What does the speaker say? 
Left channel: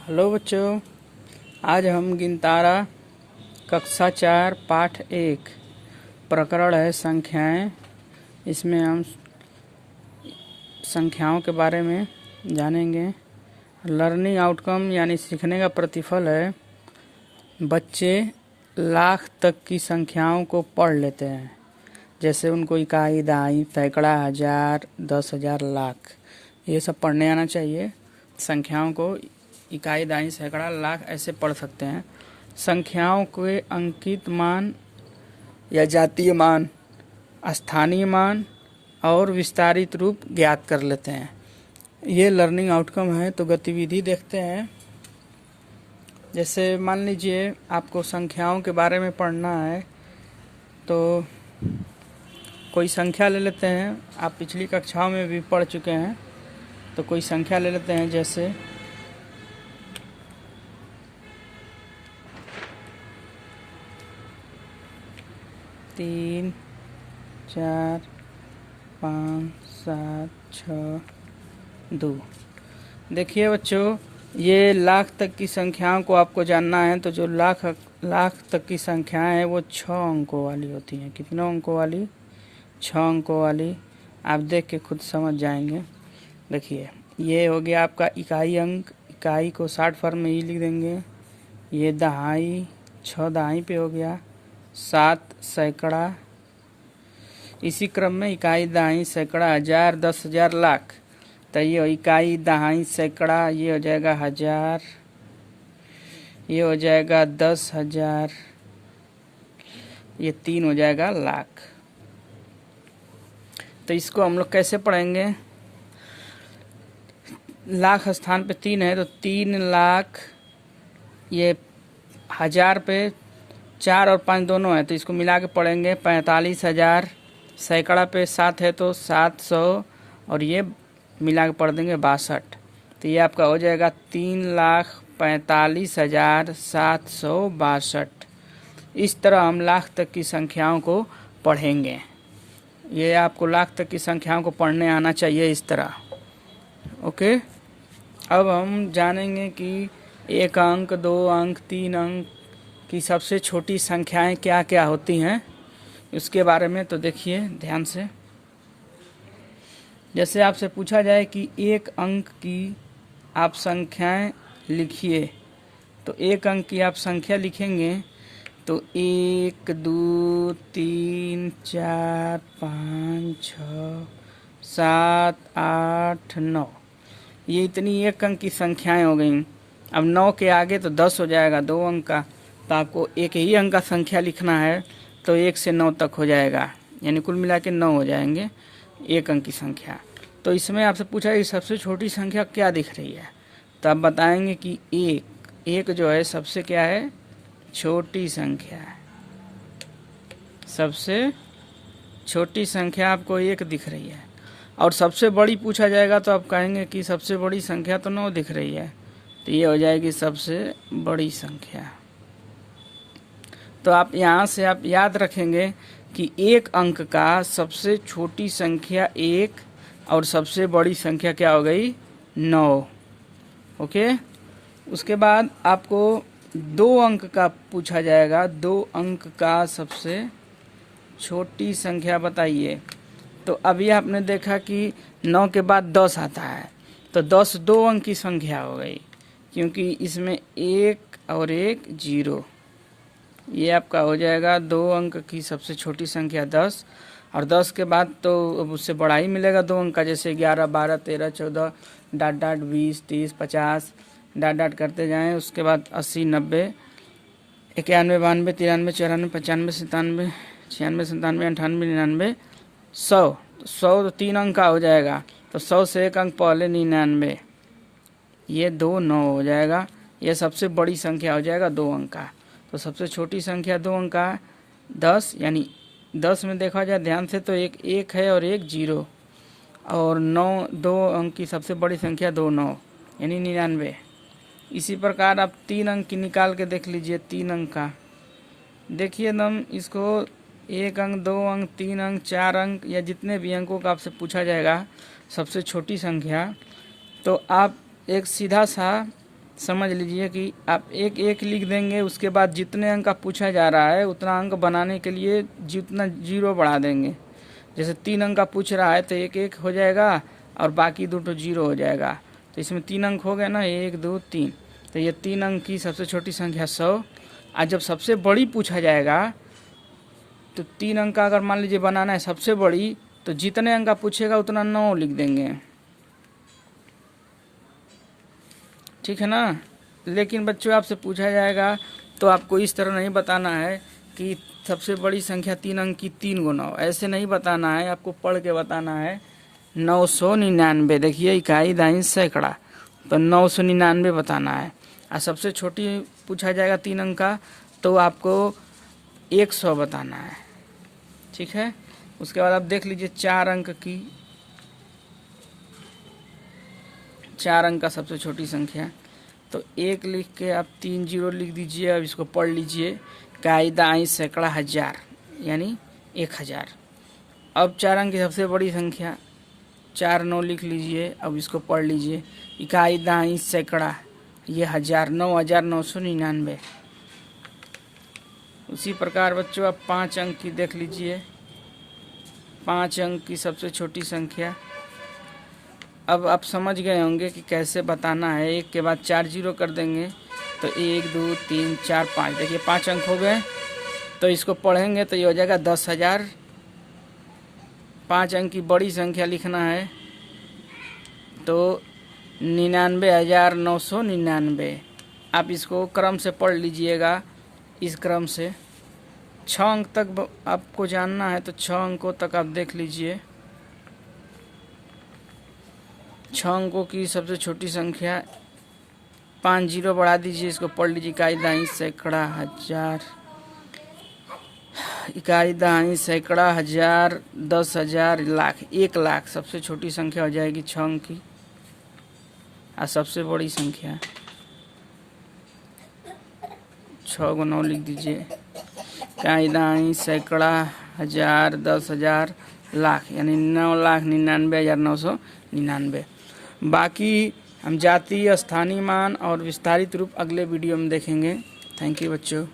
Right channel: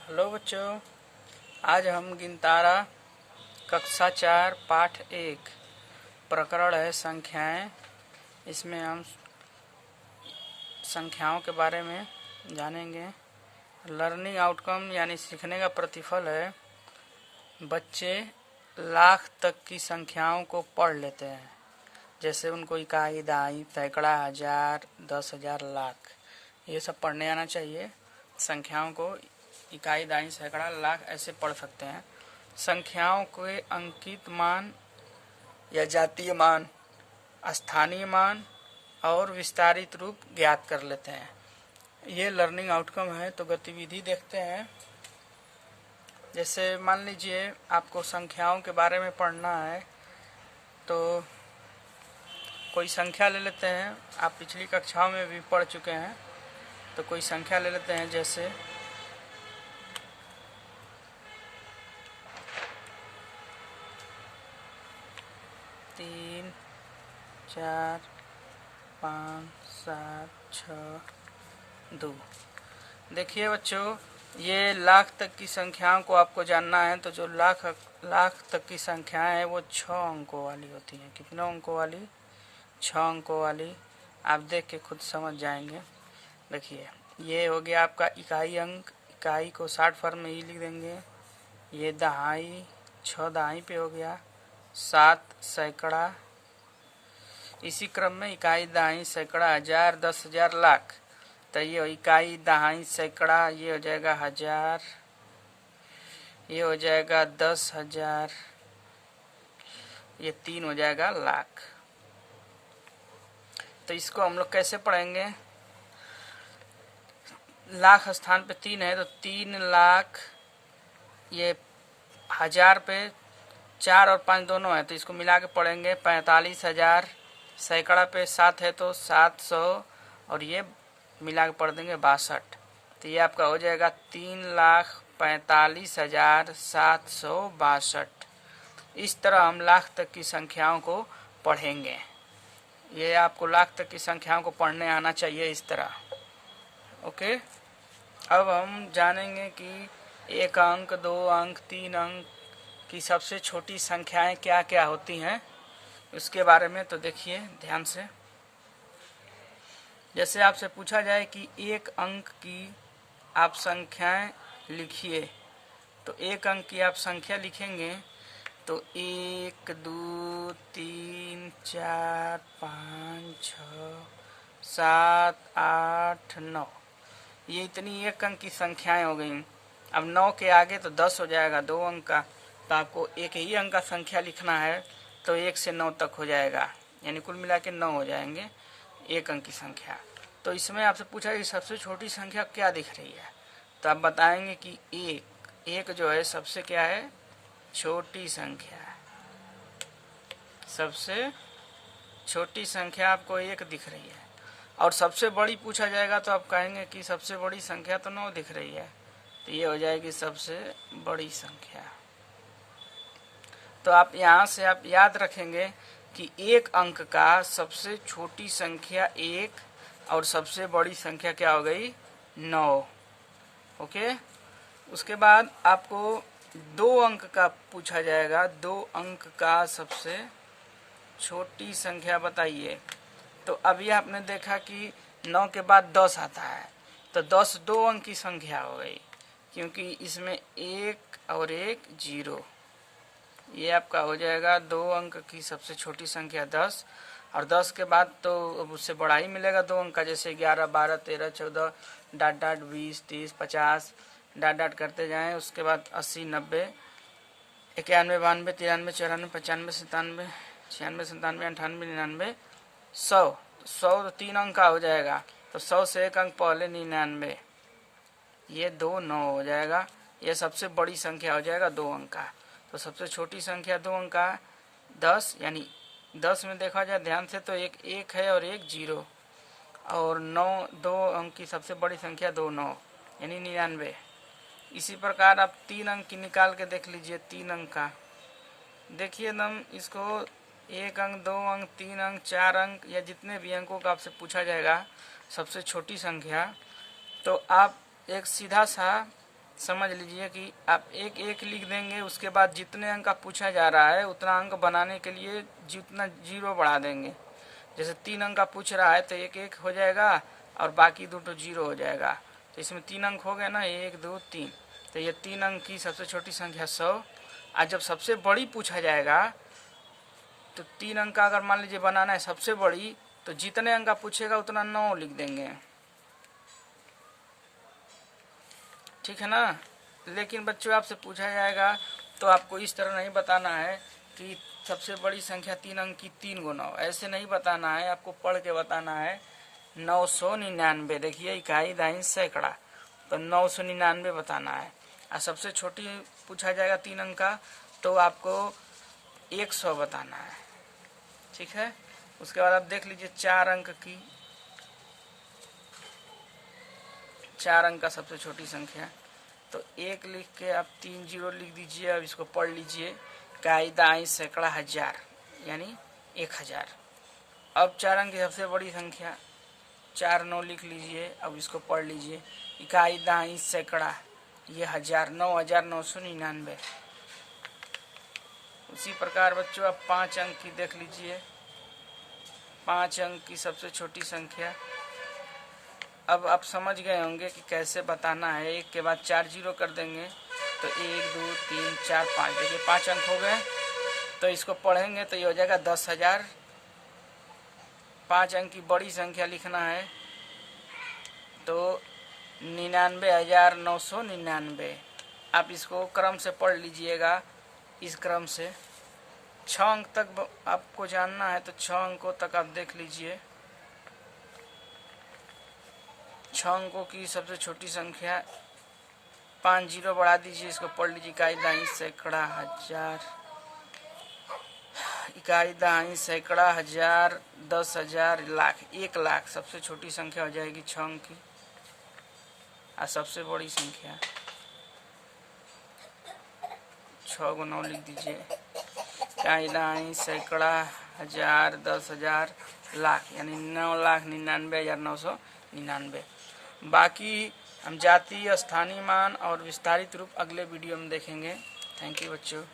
Hello बच्चों, आज हम गिनतारा कक्षा 4 पाठ 1 प्रकरण है संख्याएं। इसमें हम संख्याओं के बारे में जानेंगे। लर्निंग आउटकम यानी सीखने का प्रतिफल है बच्चे लाख तक की संख्याओं को पढ़ लेते हैं। जैसे उनको इकाई, दहाई, सैकड़ा, हजार, 10,000, लाख ये सब पढ़ने आना चाहिए। संख्याओं को इकाई, दहाई, सैकड़ा, लाख ऐसे पढ़ सकते हैं। संख्याओं के अंकित मान या जातीय मान, स्थानीय मान और विस्तारित रूप ज्ञात कर लेते हैं। ये लर्निंग आउटकम है। तो गतिविधि देखते हैं। जैसे मान लीजिए आपको संख्याओं के बारे में पढ़ना है, तो कोई संख्या ले लेते हैं। आप पिछली कक्षाओं में भी पढ़ चुके हैं, तो कोई संख्या ले लेते हैं। जैसे 3, 4, 5, 7, 6, 2। देखिए बच्चों, ये लाख तक की संख्याओं को आपको जानना है। तो जो लाख तक की संख्याएं हैं वो 6 अंकों वाली होती हैं। कितने अंकों वाली? 6 अंकों वाली। आप देख के खुद समझ जाएंगे। देखिए, ये हो गया आपका इकाई अंक। इकाई को 60 फॉर्म में ही लिख देंगे। ये दहाई, 6 दहाई पे हो गया। 7 सैकड़ा। इसी क्रम में इकाई, दहाई, सैकड़ा, हजार, 10,000, लाख। तो ये इकाई, दहाई, सैकड़ा, ये हो जाएगा हजार, ये हो जाएगा 10,000, ये 3 हो जाएगा लाख। तो इसको हम लोग कैसे पढ़ेंगे? लाख स्थान पे 3 है तो 3 लाख। ये हजार पे 4 और 5 दोनों है, तो इसको मिला के पढ़ेंगे 45,000। सैकड़ा पे 7 है तो 700, और ये मिला के पढ़ देंगे 62। तो ये आपका हो जाएगा 3,45,762। इस तरह हम लाख तक की संख्याओं को पढ़ेंगे। ये आपको लाख तक की संख्याओं को पढ़ने आना चाहिए इस तरह। ओके, अब हम जानेंगे कि 1 अंक, 2 अंक, 3 अंक की सबसे छोटी संख्याएं क्या क्या होती हैं, उसके बारे में। तो देखिए ध्यान से। जैसे आपसे पूछा जाए कि 1 अंक की आप संख्याएं लिखिए, तो 1 अंक की आप संख्या लिखेंगे तो 1, 2, 3, 4, 5, 6, 7, 8, 9। ये इतनी 1 अंक की संख्याएं हो गई। अब 9 के आगे तो 10 हो जाएगा 2 अंक का। तो आपको एक ही अंक का संख्या लिखना है तो 1 से 9 तक हो जाएगा, यानी कुल मिला के 9 हो जाएंगे 1 अंक की संख्या। तो इसमें आपसे पूछा कि सबसे छोटी संख्या क्या दिख रही है, तो आप बताएंगे कि 1 जो है सबसे क्या है, छोटी संख्या है। सबसे छोटी संख्या आपको 1 दिख रही है। और सबसे बड़ी पूछा जाएगा तो आप कहेंगे कि सबसे बड़ी संख्या तो 9 दिख रही है, तो ये हो जाएगी सबसे बड़ी संख्या। तो आप यहाँ से आप याद रखेंगे कि 1 अंक का सबसे छोटी संख्या 1 और सबसे बड़ी संख्या क्या हो गई, 9। ओके, उसके बाद आपको 2 अंक का पूछा जाएगा। 2 अंक का सबसे छोटी संख्या बताइए। तो अभी आपने देखा कि 9 के बाद 10 आता है, तो 10 2 अंक की संख्या हो गई, क्योंकि इसमें 1 और 1 0। ये आपका हो जाएगा 2 अंक की सबसे छोटी संख्या 10। और 10 के बाद तो उससे बड़ा ही मिलेगा 2 अंक का, जैसे 11, 12, 13, 14, डाट डाट 20, 30, 50 डाट डाट करते जाएं। उसके बाद 80, 90, 91, 92, 93, 94, 95, 97, 96, 97, 98, 99, 100। 100 तो 3 अंक का हो जाएगा, तो 100 से 1 अंक पहले 99, ये 2 9 हो जाएगा। ये सबसे बड़ी संख्या हो जाएगा 2 अंक का। तो सबसे छोटी संख्या 2 अंक का 10, यानी 10 में देखा जाए ध्यान से तो 1 है और 1 0, और 9 2 अंक की सबसे बड़ी संख्या 2 9, यानी 99। इसी प्रकार आप 3 अंक की निकाल के देख लीजिए। 3 अंक का देखिए एकदम, इसको 1 अंक, 2 अंक, 3 अंक, 4 अंक या जितने भी अंकों का आपसे पूछा जाएगा सबसे छोटी संख्या, तो आप एक सीधा सा समझ लीजिए कि आप एक एक लिख देंगे, उसके बाद जितने अंक का पूछा जा रहा है उतना अंक बनाने के लिए जितना जीरो बढ़ा देंगे। जैसे 3 अंक का पूछ रहा है तो एक एक हो जाएगा और बाकी 2 तो जीरो हो जाएगा। तो इसमें 3 अंक हो गए ना, 1 2 3। तो ये 3 अंक की सबसे छोटी संख्या 100। और जब सबसे बड़ी पूछा जाएगा तो 3 अंक का अगर मान लीजिए बनाना है सबसे बड़ी, तो जितने अंक का पूछेगा उतना 9 लिख देंगे, ठीक है ना। लेकिन बच्चों आपसे पूछा जाएगा तो आपको इस तरह नहीं बताना है कि सबसे बड़ी संख्या 3 अंक की 3 गुना हो, ऐसे नहीं बताना है, आपको पढ़ के बताना है। 999, देखिए इकाई दाई सैकड़ा, तो 999 बताना है। और सबसे छोटी पूछा जाएगा 3 अंक का तो आपको 100 बताना है, ठीक है। उसके बाद आप देख लीजिए 4 अंक की, 4 अंक का सबसे छोटी संख्या, तो 1 लिख के आप 3 जीरो लिख दीजिए। अब इसको पढ़ लीजिए, कायदा आई सैकड़ा हजार यानी 1000। अब 4 अंक की सबसे बड़ी संख्या 4 9 लिख लीजिए। अब इसको पढ़ लीजिए, इकाई दाई सैकड़ा ये 1000, 9999। उसी प्रकार बच्चों आप 5 अंक की देख लीजिए, 5 अंक की सबसे छोटी संख्या। अब आप समझ गए होंगे कि कैसे बताना है, एक के बाद 4 जीरो कर देंगे तो 1 2 3 4 5, देखिए 5 अंक हो गए। तो इसको पढ़ेंगे तो ये हो जाएगा 10,000। 5 अंक की बड़ी संख्या लिखना है तो 99,999। आप इसको क्रम से पढ़ लीजिएगा, इस क्रम से 6 अंक तक आपको जानना है तो 6 अंकों तक आप देख लीजिए। 6 अंकों की सबसे छोटी संख्या 5 जीरो बढ़ा दीजिए, इसको पढ़ लीजिए, इकाई दाई सैकड़ा हजार, इकाई दाई सैकड़ा हजार, 10,000, लाख, 1 लाख। सबसे छोटी संख्या हो जाएगी 6 अंक की। और सबसे बड़ी संख्या 6 को 9 लिख दीजिए, इकाई दाई सैकड़ा हजार, 10,000, लाख यानी 9,99,999। बाकी हम जातीय, स्थानीय मान और विस्तारित रूप अगले वीडियो में देखेंगे। थैंक यू बच्चों।